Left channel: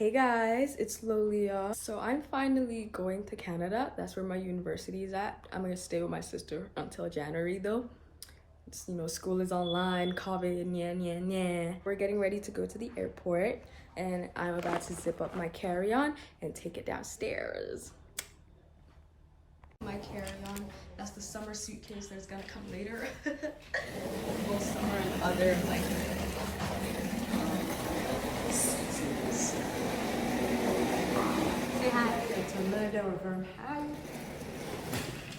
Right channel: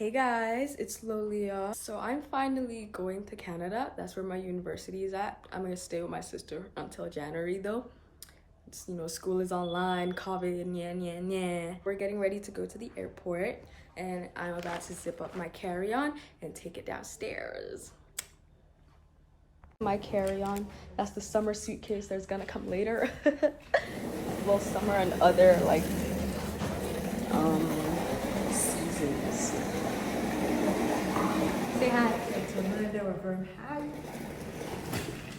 Hey guys, it's Lolia. So I'm finally going to Canada. That's where my university is at. I'm gonna stay with my sister until January though. It's, school is online, COVID, yeah. We're getting ready to go to the airport and I'm about to zip up my carry-on and take it downstairs. My carry-on, that's the summer suitcase that's gonna come later. Both summer and other seasons. Say hi. It's a Layover. Hi.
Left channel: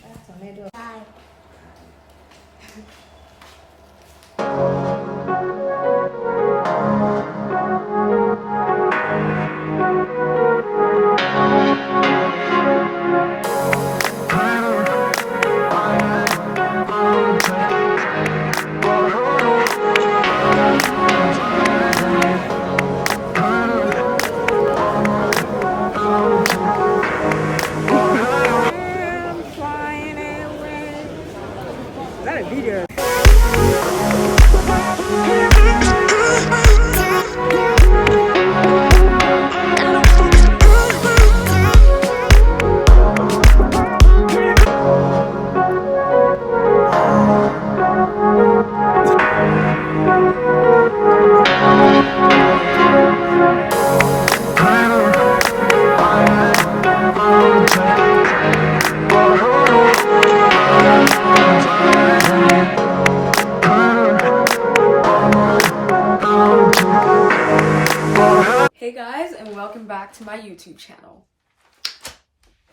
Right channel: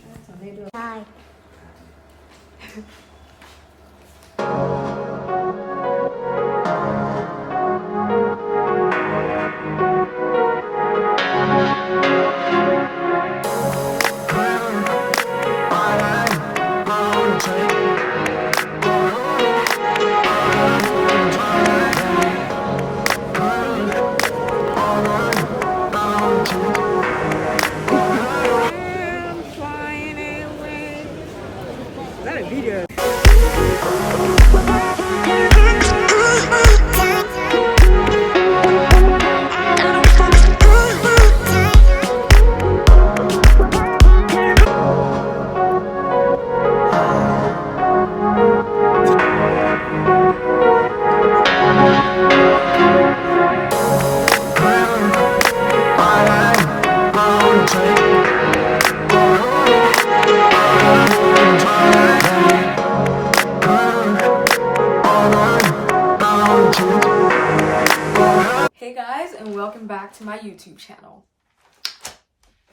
That's a Layover. Hi. Video. Hey guys, and welcome back to my YouTube channel.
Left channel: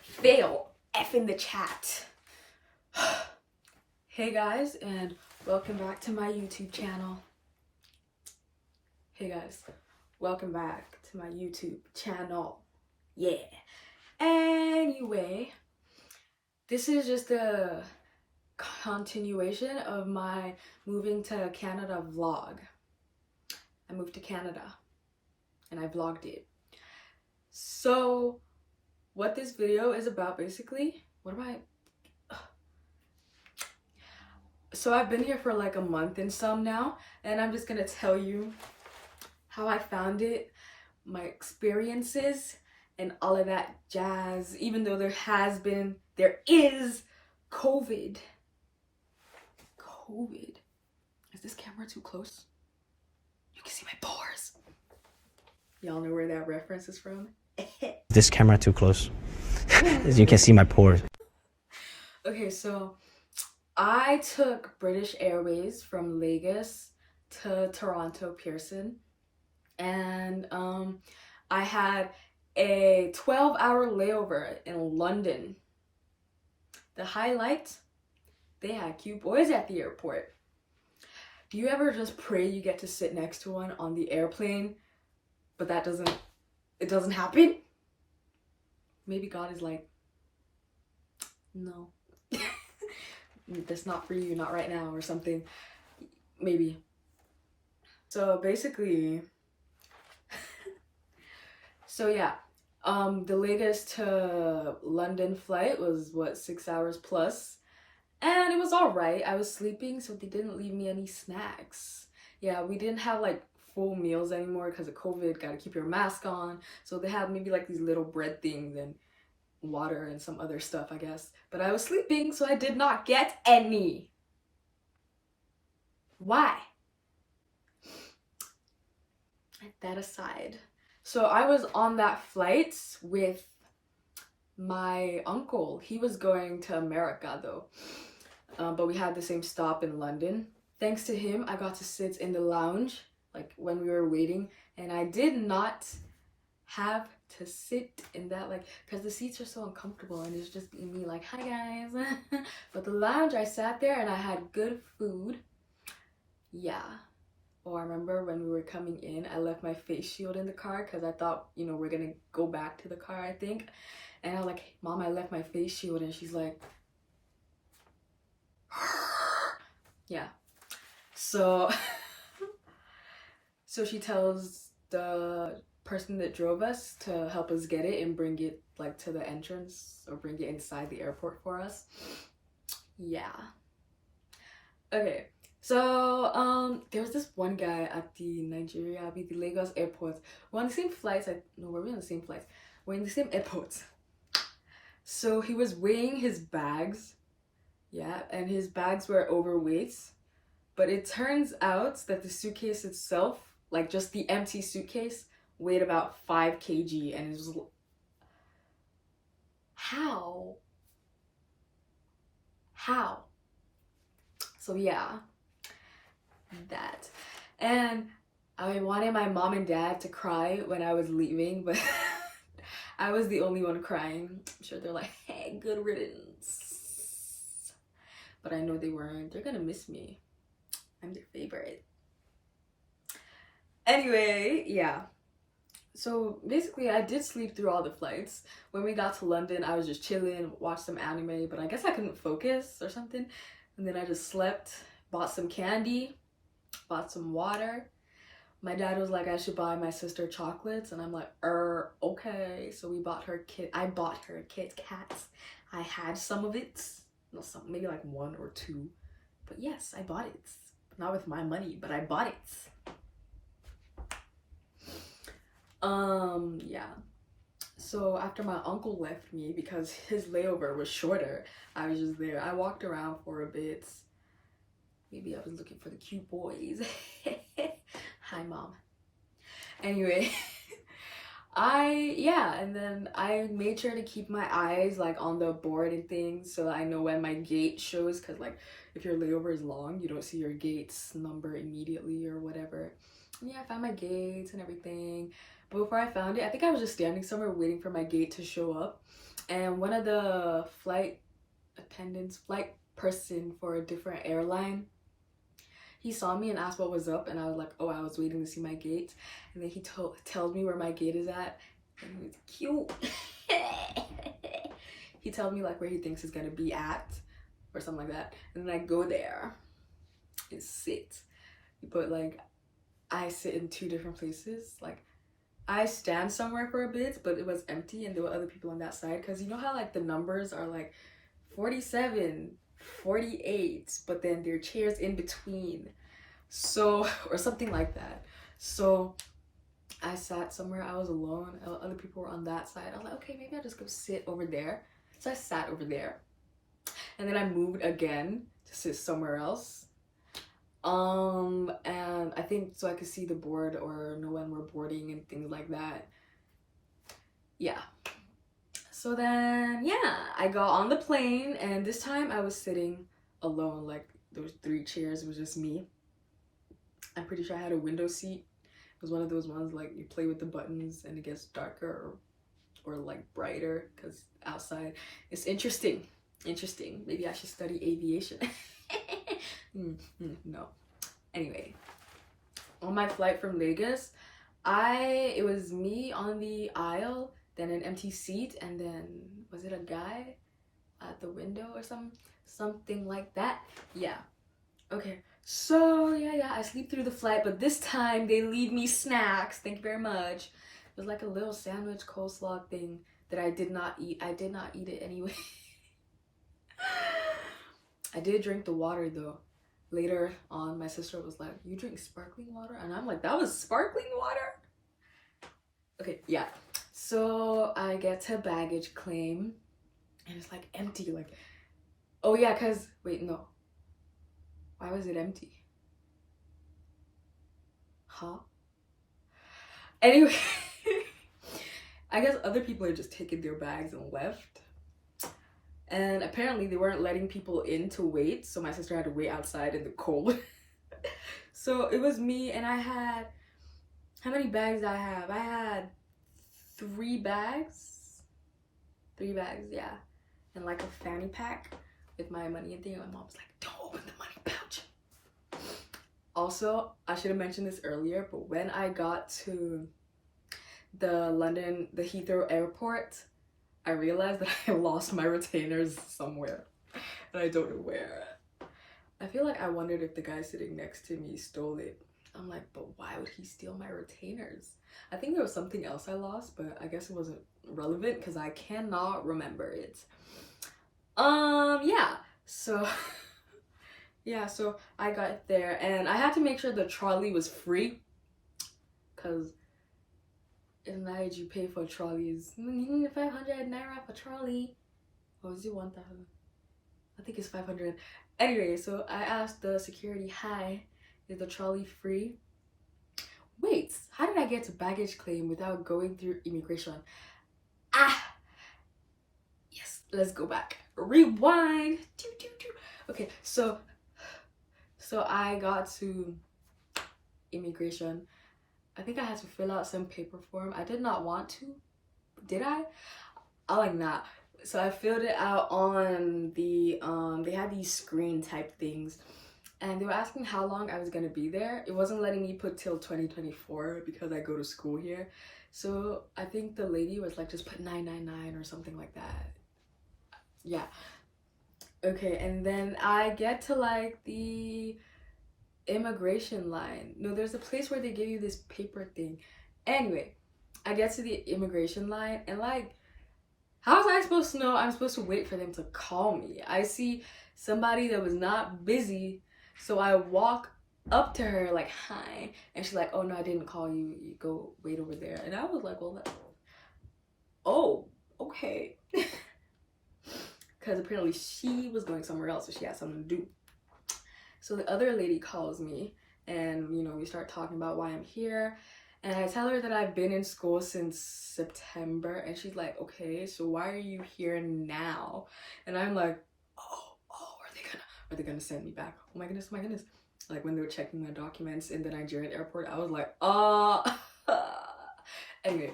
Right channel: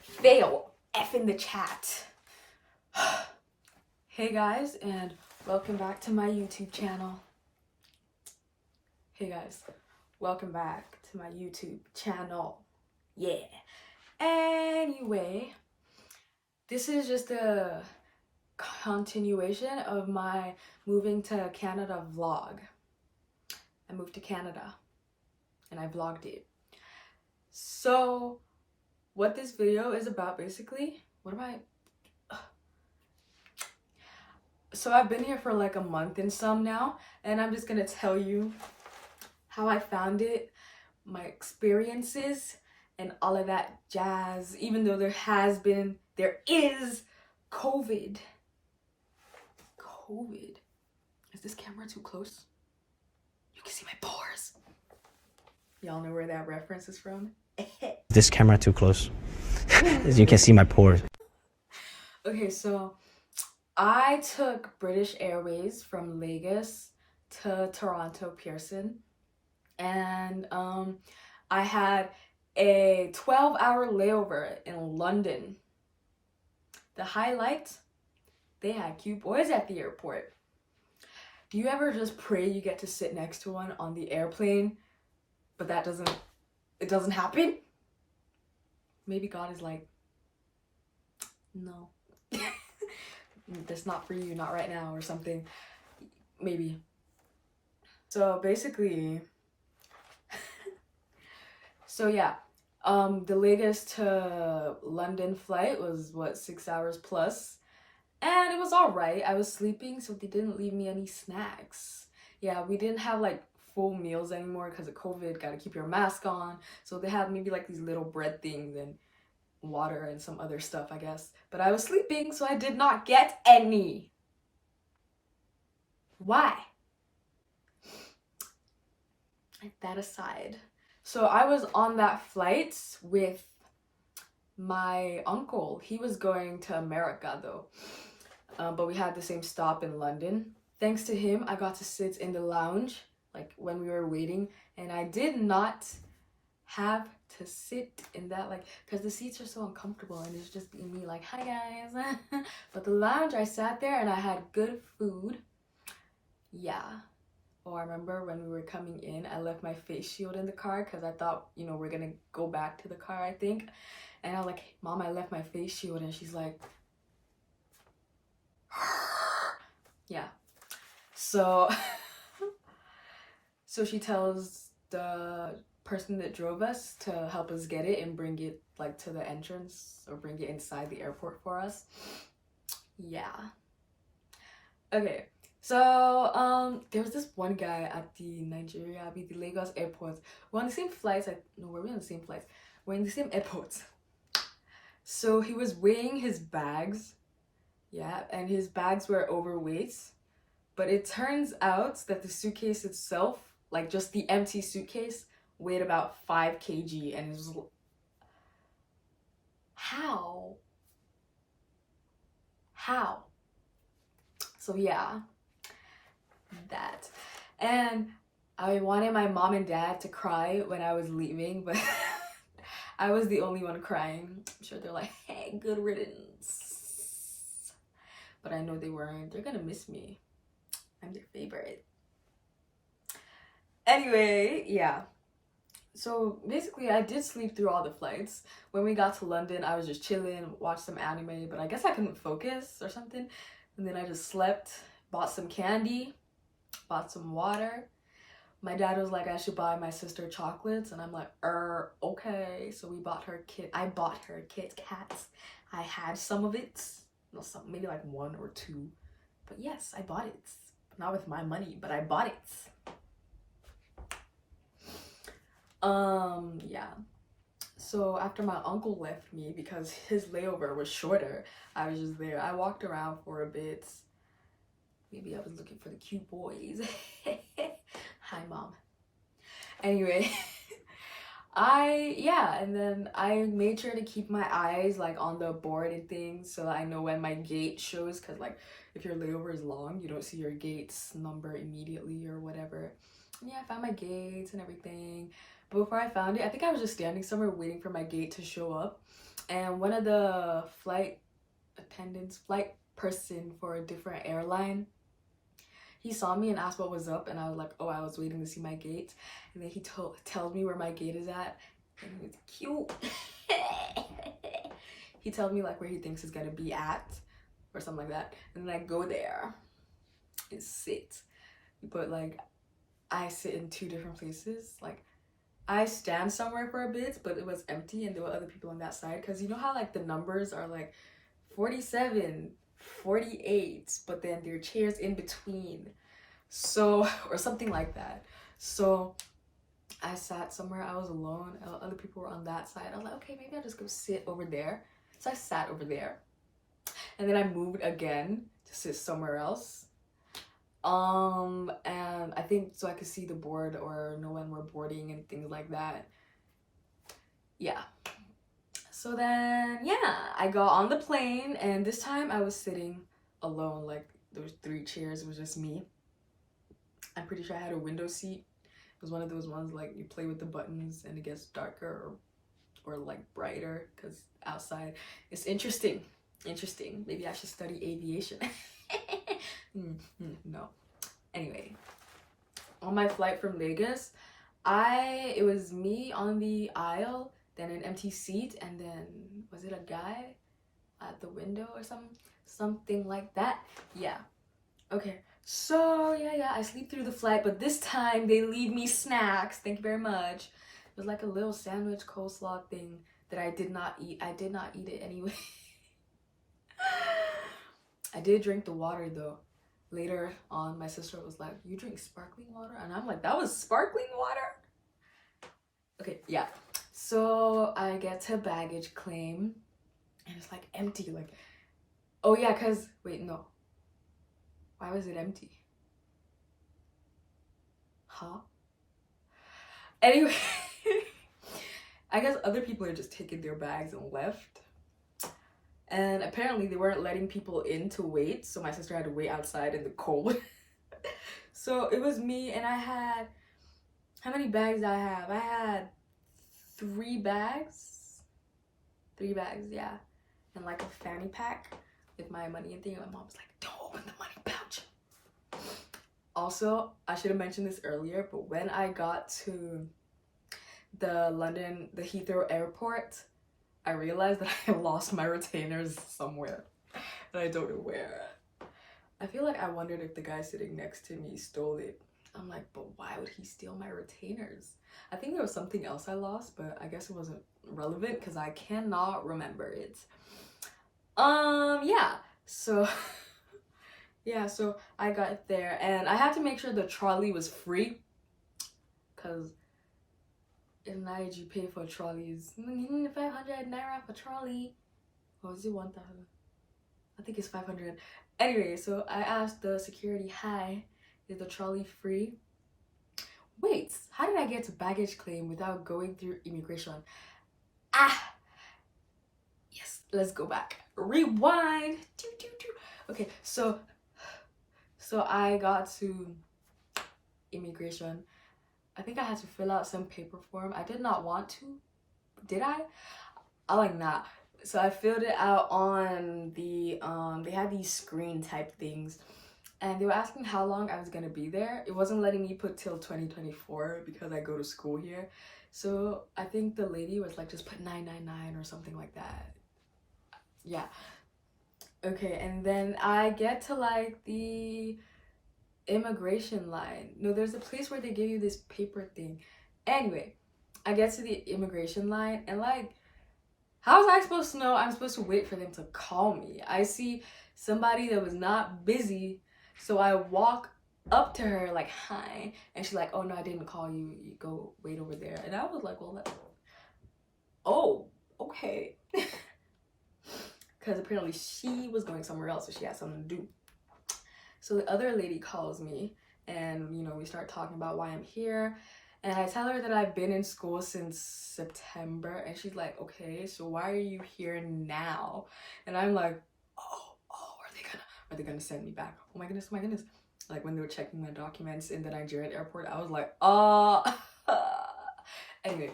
Fail F in the chat. Hey guys, and welcome back to my YouTube channel. Hey guys, welcome back to my YouTube channel. Yeah. Anyway, this is just a continuation of my moving to Canada vlog. I moved to Canada and I vlogged it. So what this video is about basically, so I've been here for like a month and some now, and I'm just gonna tell you how I found it, my experiences, and all of that jazz, even though there is COVID. Is this camera too close? You can see my pores. Y'all know where that reference is from? This camera too close. As you can see my pores. Okay, so I took British Airways from Lagos to Toronto Pearson, and I had a 12-hour layover in London. The highlight, they had cute boys at the airport. Do you ever just pray you get to sit next to one on the airplane, but it doesn't happen? Maybe God is like, no, that's not for you, not right now, or something. Maybe. So basically, the Lagos to London flight was 6 hours plus, and it was all right. I was sleeping, so they didn't leave me any snacks. Yeah, we didn't have like full meals anymore because of COVID. Got to keep your mask on, so they had maybe like these little bread things and water and some other stuff, I guess. But I was sleeping, so I did not get any. Why? That aside, so I was on that flight with my uncle. He was going to America though, but we had the same stop in London. Thanks to him, I got to sit in the lounge like when we were waiting, and I did not have to sit in that, like, because the seats are so uncomfortable and it's just me like, hi guys. But the lounge, I sat there and I had good food. Yeah. Oh, I remember when we were coming in, I left my face shield in the car because I thought, we're gonna go back to the car, I think. And I was like, Mom, I left my face shield. And she's like, yeah. So she tells the person that drove us to help us get it and bring it like to the entrance, or bring it inside the airport for us. Yeah. Okay, So there was this one guy at the the Lagos airport. We're on the same flights. We're on the same flights. We're in the same airport. So he was weighing his bags. Yeah, and his bags were overweight. But it turns out that the suitcase itself, like just the empty suitcase, weighed about 5 kg, and it was how? How? So yeah, that. And I wanted my mom and dad to cry when I was leaving, but I was the only one crying. I'm sure they're like, hey, good riddance. But I know they weren't. They're gonna miss me. I'm their favorite. Anyway, yeah. So basically, I did sleep through all the flights. When we got to London, I was just chilling, watched some anime, but I guess I couldn't focus or something. And then I just slept, bought some candy, bought some water. My dad was like, I should buy my sister chocolates, and I'm like, okay. So I bought her Kit Kats. I had some of it, no, some, maybe like 1 or 2, but yes, I bought it. Not with my money, but I bought it. Yeah. So after my uncle left me because his layover was shorter, I was just there. I walked around for a bit. Maybe I was looking for the cute boys. Hi, mom. Anyway, and then I made sure to keep my eyes like on the board and things so that I know when my gate shows, because like if your layover is long, you don't see your gate's number immediately or whatever. And yeah, I found my gates and everything. But before I found it, I think I was just standing somewhere waiting for my gate to show up, and one of the flight person for a different airline, he saw me and asked what was up, and I was like, oh, I was waiting to see my gate. And then he tells me where my gate is at, and he was cute. He tells me like where he thinks it's gonna be at or something like that, and then I go there and sit. But like I sit in 2 different places. Like I stand somewhere for a bit, but it was empty and there were other people on that side, because you know how like the numbers are like 47, 48, but then there are chairs in between, so, or something like that. So I sat somewhere, I was alone, other people were on that side. I was like, okay, maybe I'll just go sit over there. So I sat over there, and then I moved again to sit somewhere else. And I think so I could see the board or know when we're boarding and things like that. Yeah. So then, yeah, I got on the plane, and this time I was sitting alone. Like there was 3 chairs, it was just me. I'm pretty sure I had a window seat. It was one of those ones like you play with the buttons and it gets darker or like brighter because outside. It's interesting. Maybe I should study aviation. No. Anyway, on my flight from Lagos, it was me on the aisle, then an empty seat, and then was it a guy at the window or something like that? Yeah. Okay. So yeah, I sleep through the flight, but this time they leave me snacks. Thank you very much. It was like a little sandwich coleslaw thing that I did not eat. I did not eat it anyway. I did drink the water though. Later on, my sister was like, you drink sparkling water? And I'm like, that was sparkling water? Okay, yeah. So I get to baggage claim, and it's like empty. Like, oh yeah, because, wait, no. Why was it empty? Huh? Anyway, I guess other people are just taking their bags and left. And apparently they weren't letting people in to wait, so my sister had to wait outside in the cold. So it was me, and I had, how many bags did I have? I had 3 bags. 3 bags, yeah. And like a fanny pack with my money and thing. And my mom was like, don't open the money pouch. Also, I should have mentioned this earlier, but when I got to the Heathrow airport, I realized that I lost my retainers somewhere, and I don't know where. I feel like I wondered if the guy sitting next to me stole it. I'm like, but why would he steal my retainers? I think there was something else I lost, but I guess it wasn't relevant because I cannot remember it. Yeah, so yeah, so I got there and I had to make sure the trolley was free, because in Nigeria you pay for trolleys. 500 naira for trolley. Or is it 1,000? I think it's 500. Anyway, so I asked the security, hi, is the trolley free? Wait, how did I get to baggage claim without going through immigration? Ah, yes, let's go back. Rewind. Okay, so I got to immigration. I think I had to fill out some paper form. I did not want to. Did I? I like not. So I filled it out on the they had these screen type things, and they were asking how long I was gonna be there. It wasn't letting me put till 2024 because I go to school here. So I think the lady was like, just put 999 or something like that. Yeah. Okay, and then I get to like the immigration line. No, there's a place where they give you this paper thing. Anyway, I get to the immigration line and like, how was I supposed to know I'm supposed to wait for them to call me? I see somebody that was not busy, so I walk up to her like, hi, and she's like, oh no, I didn't call you, you go wait over there. And I was like, well, oh, okay. Because apparently she was going somewhere else, so she had something to do. So the other lady calls me and, you know, we start talking about why I'm here. And I tell her that I've been in school since September, and she's like, okay, so why are you here now? And I'm like, oh, are they gonna send me back? Oh my goodness, oh my goodness. Like when they were checking my documents in the Nigerian airport, I was like, anyway.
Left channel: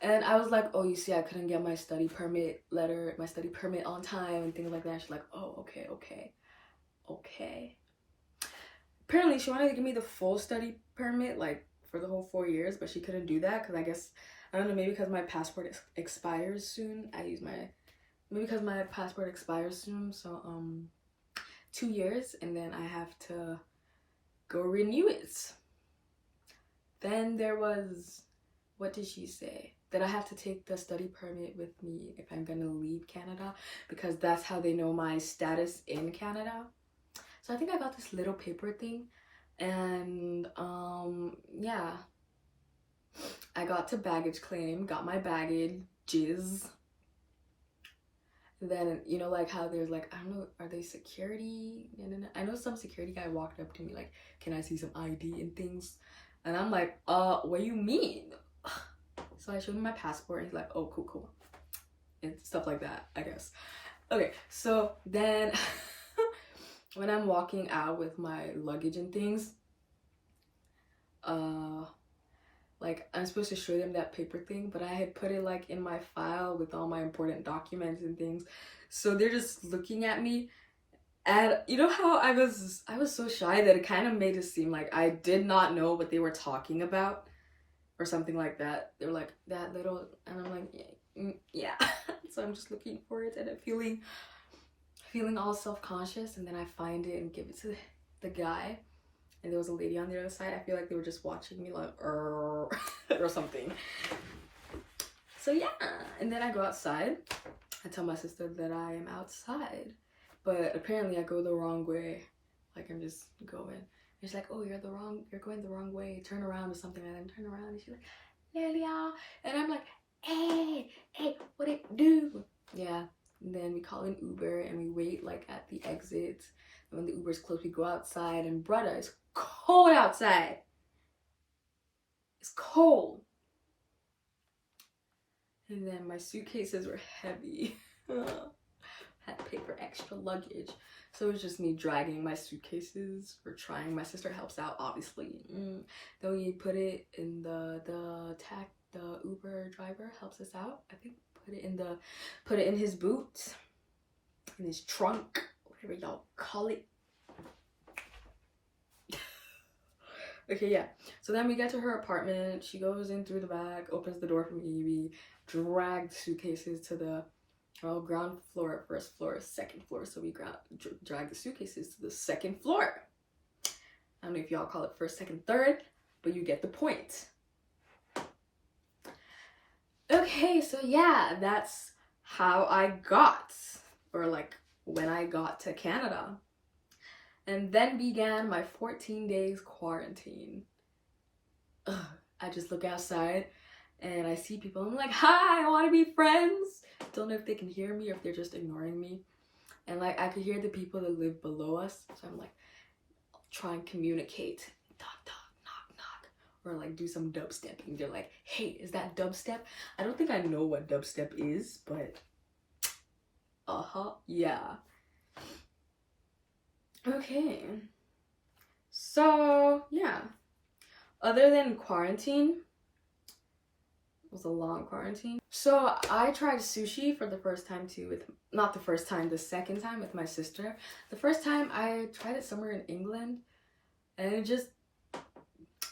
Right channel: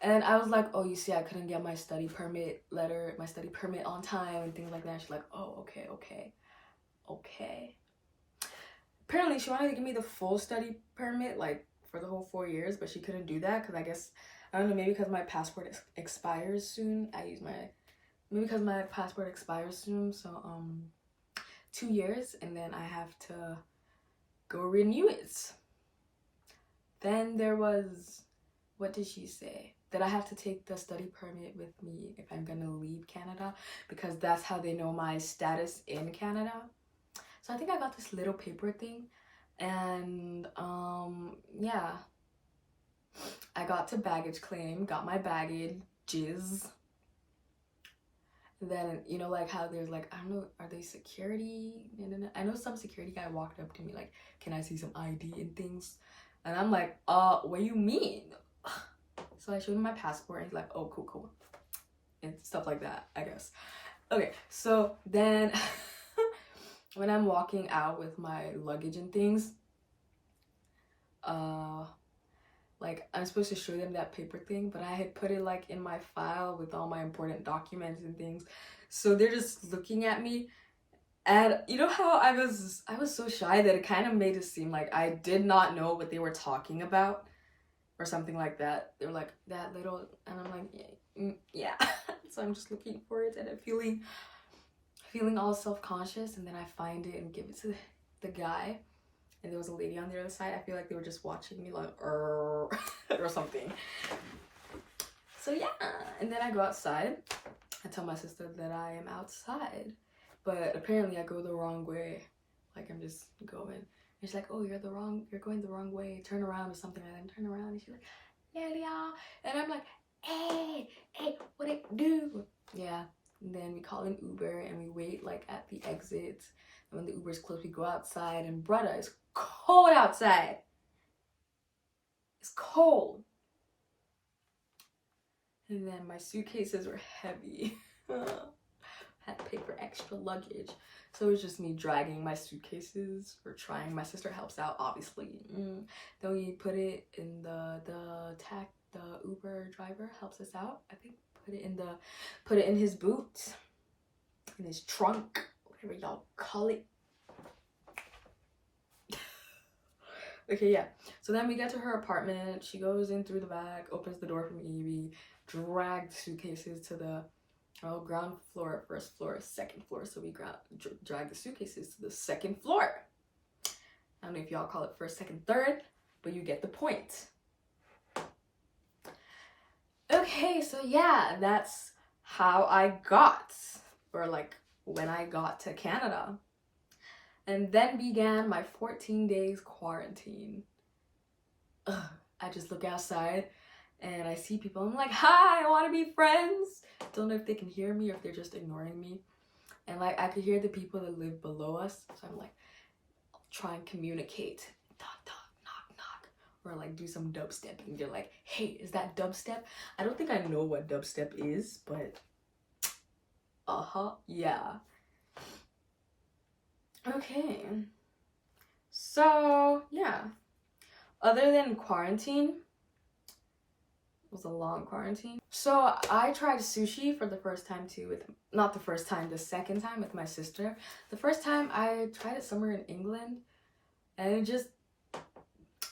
And I was like, oh, you see, I couldn't get my study permit on time and things like that. She's like, oh, okay. Apparently she wanted to give me the full study permit, like for the whole 4 years, but she couldn't do that because I guess, I don't know, maybe because my passport expires soon. Maybe because my passport expires soon, so 2 years, and then I have to go renew it. Then there was, what did she say? That I have to take the study permit with me if I'm gonna leave Canada, because that's how they know my status in Canada. So I think I got this little paper thing, and yeah, I got to baggage claim, got my baggages. Then, you know, like how there's like, I don't know, are they security? I know some security guy walked up to me like, can I see some ID and things? And I'm like, what do you mean? So I showed him my passport and he's like, oh, cool. And stuff like that, I guess. Okay, so then when I'm walking out with my luggage and things, like I'm supposed to show them that paper thing, but I had put it like in my file with all my important documents and things. So they're just looking at me, and you know how I was so shy that it kind of made it seem like I did not know what they were talking about or something like that. They were like, that little, and I'm like, yeah. So I'm just looking for it, and I'm feeling all self-conscious, and then I find it and give it to the guy. And there was a lady on the other side. I feel like they were just watching me like, or something. So yeah, and then I go outside. I tell my sister that I am outside, but apparently I go the wrong way. Like I'm just going. And she's like, oh, you're going the wrong way. Turn around or something. And then turn around, and she's like, yeah. And I'm like, hey, what it do? Yeah. And then we call an Uber and we wait like at the exit. And when the Uber's close, we go outside, and brother, it's cold outside. It's cold. And then my suitcases were heavy. Had to pay for extra luggage. So it was just me dragging my suitcases, or trying. My sister helps out, obviously. Then we put it in the Uber driver helps us out. I think put it in his boot, in his trunk, whatever y'all call it. Okay, yeah. So then we get to her apartment. She goes in through the back, opens the door for me. We drag suitcases to the ground floor, first floor, second floor. So we drag the suitcases to the second floor. I don't know if y'all call it first, second, third, but you get the point. Okay, so yeah, that's how I got, or like when I got to Canada. And then began my 14 days quarantine. Ugh, I just look outside and I see people. I'm like, hi, I want to be friends. Don't know if they can hear me or if they're just ignoring me. And like, I could hear the people that live below us. So I'm like, try and communicate. Knock, knock, knock, knock. Or like do some dubstepping. They're like, hey, is that dubstep? I don't think I know what dubstep is, but yeah. Okay. So, yeah. Other than quarantine, it was a long quarantine. So I tried sushi for the first time too with, not the first time, the second time with my sister. The first time I tried it somewhere in England and it just,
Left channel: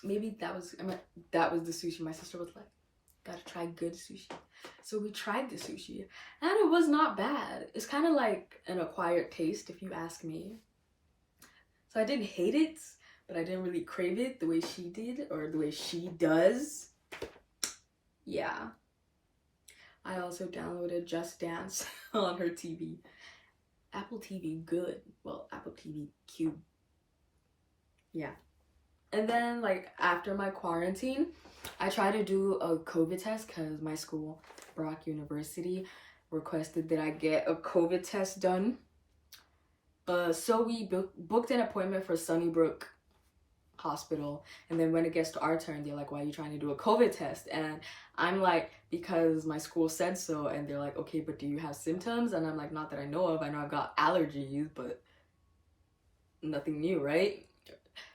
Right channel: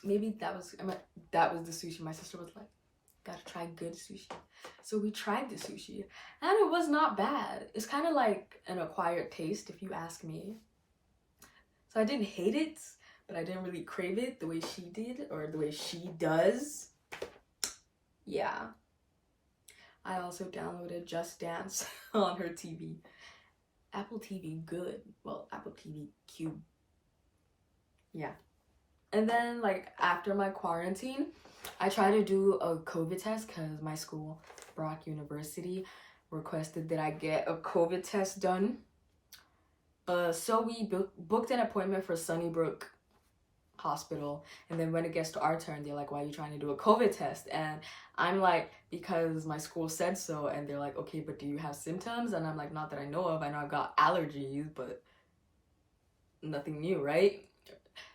maybe that was the sushi. My sister was like, gotta try good sushi. So we tried the sushi and it was not bad. It's kind of like an acquired taste if you ask me. So I didn't hate it, but I didn't really crave it the way she did or the way she does. Yeah. I also downloaded Just Dance on her TV. Apple TV good. Well, Apple TV cube. Yeah. And then like after my quarantine, I tried to do a COVID test because my school, Brock University, requested that I get a COVID test done. So we booked an appointment for Sunnybrook Hospital, and then when it gets to our turn, they're like, why are you trying to do a COVID test? And I'm like, because my school said so. And they're like, okay, but do you have symptoms? And I'm like, not that I know of. I know I've got allergies, but nothing new, right?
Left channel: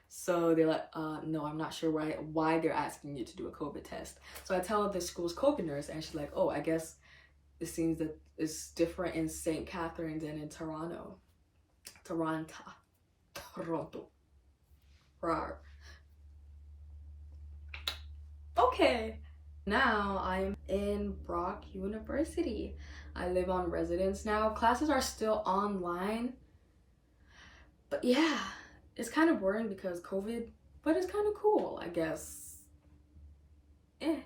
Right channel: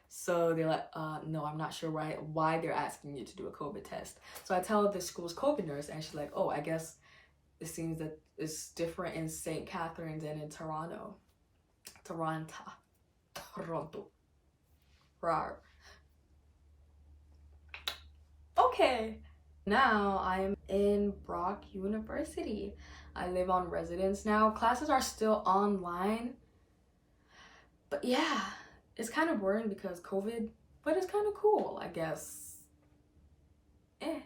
So they're like, no, I'm not sure why they're asking you to do a COVID test. So I tell the school's COVID nurse, and she's like, oh, I guess it seems that it's different in St. Catharines and in Toronto. Rawr. Okay, now I'm in Brock University. I live on residence now. Classes are still online. But yeah, it's kind of boring because COVID, but it's kind of cool, I guess. And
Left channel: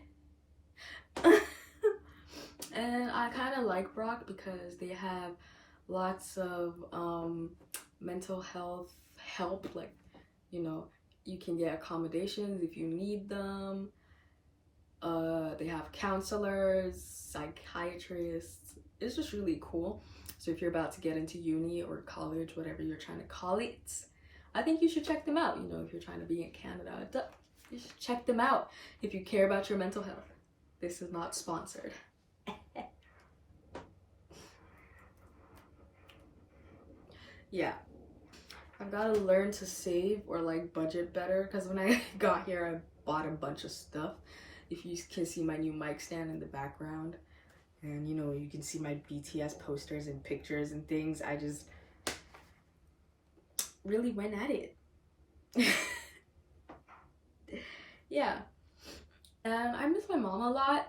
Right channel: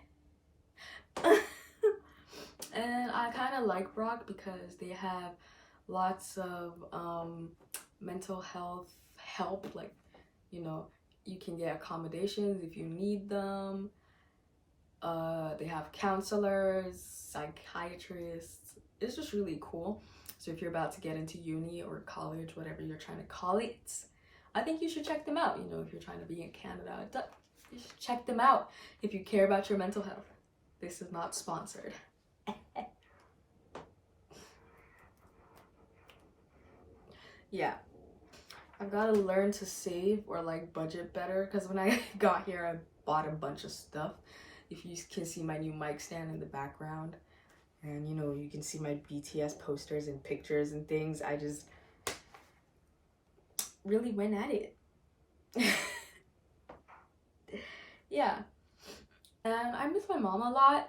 I kind of like Brock because they have lots of mental health help, like, you know, you can get accommodations if you need them. They have counselors, psychiatrists. It's just really cool. So if you're about to get into uni or college, whatever you're trying to call it, I think you should check them out. You know, if you're trying to be in Canada, you should check them out if you care about your mental health. This is not sponsored. Yeah. I've got to learn to save or like budget better because when I got here, I bought a bunch of stuff. If you can see my new mic stand in the background, and you know, you can see my BTS posters and pictures and things. I just really went at it. Yeah. And I miss my mom a lot.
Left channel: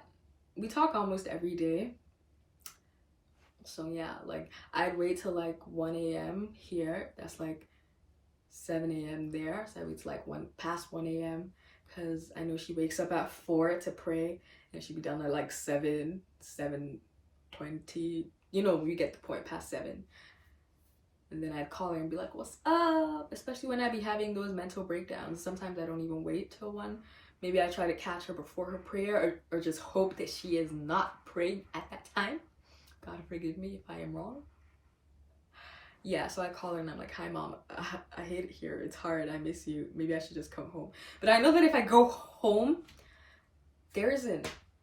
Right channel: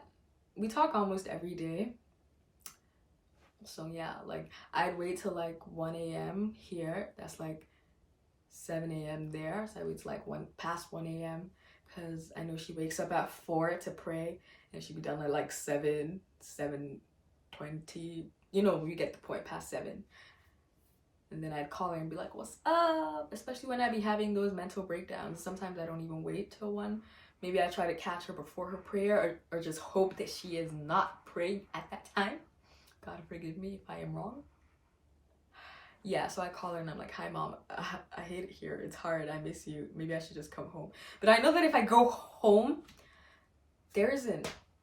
We talk almost every day. So yeah, like I'd wait till like 1 a.m. here. That's like 7 a.m. there. So I wait till like past 1 a.m. because I know she wakes up at 4 to pray and she'd be done at like 7:20. You know, you get the point, past 7. And then I'd call her and be like, what's up? Especially when I'd be having those mental breakdowns. Sometimes I don't even wait till 1. Maybe I try to catch her before her prayer or just hope that she is not praying at that time. God forgive me if I am wrong. Yeah, so I call her and I'm like, hi mom, I hate it here. It's hard. I miss you. Maybe I should just come home. But I know that if I go home, there's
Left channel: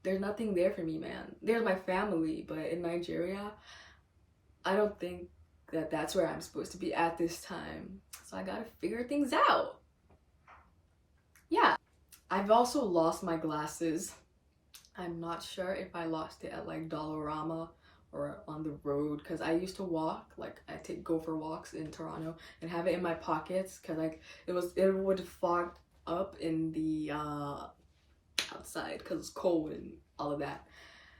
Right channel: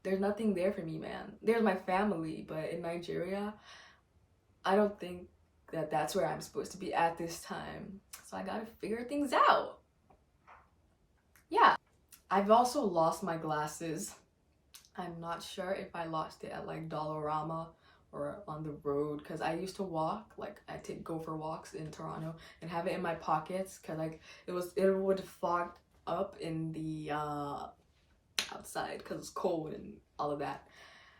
nothing there for me, man. There's my family, but in Nigeria, I don't think that that's where I'm supposed to be at this time. So I gotta figure things out. Yeah. I've also lost my glasses. I'm not sure if I lost it at like Dollarama or on the road because I used to walk, like I go for walks in Toronto and have it in my pockets because like it would fog up in the outside because it's cold and all of that.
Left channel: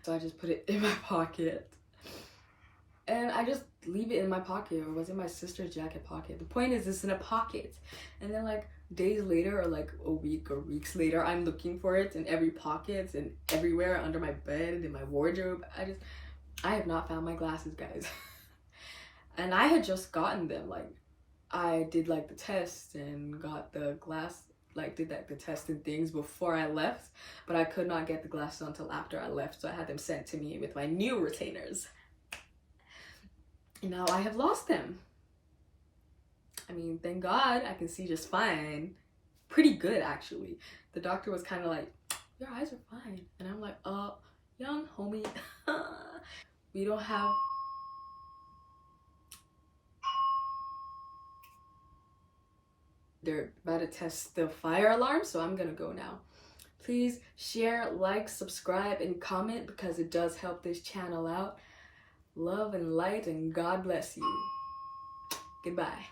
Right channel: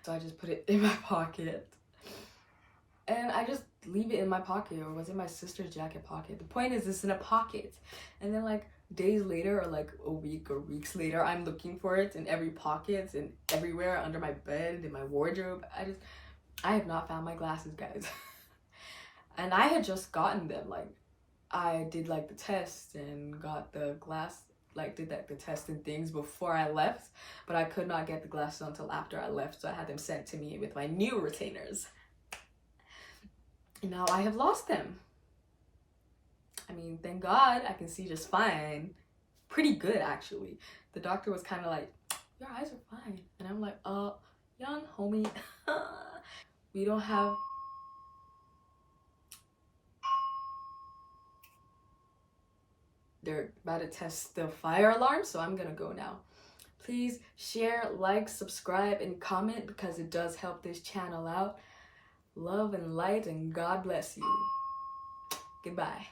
So I just put it in my pocket and I just leave it in my pocket, or was in my sister's jacket pocket. The point is it's in a pocket, and then like days later or like a week or weeks later I'm looking for it in every pocket and everywhere, under my bed and in my wardrobe. I have not found my glasses, guys. And I had just gotten them like I did like the test and got the glass, like did like the test and things before I left, but I could not get the glasses until after I left, so I had them sent to me with my new retainers. And now I have lost them. I mean, thank God I can see just fine. Pretty good, actually. The doctor was kind of like, your eyes are fine. And I'm like, young homie, we don't have... They're about to test the fire alarm, so I'm gonna go now. Please share, like, subscribe, and comment because it does help this channel out. Love and light, and God bless you. Goodbye.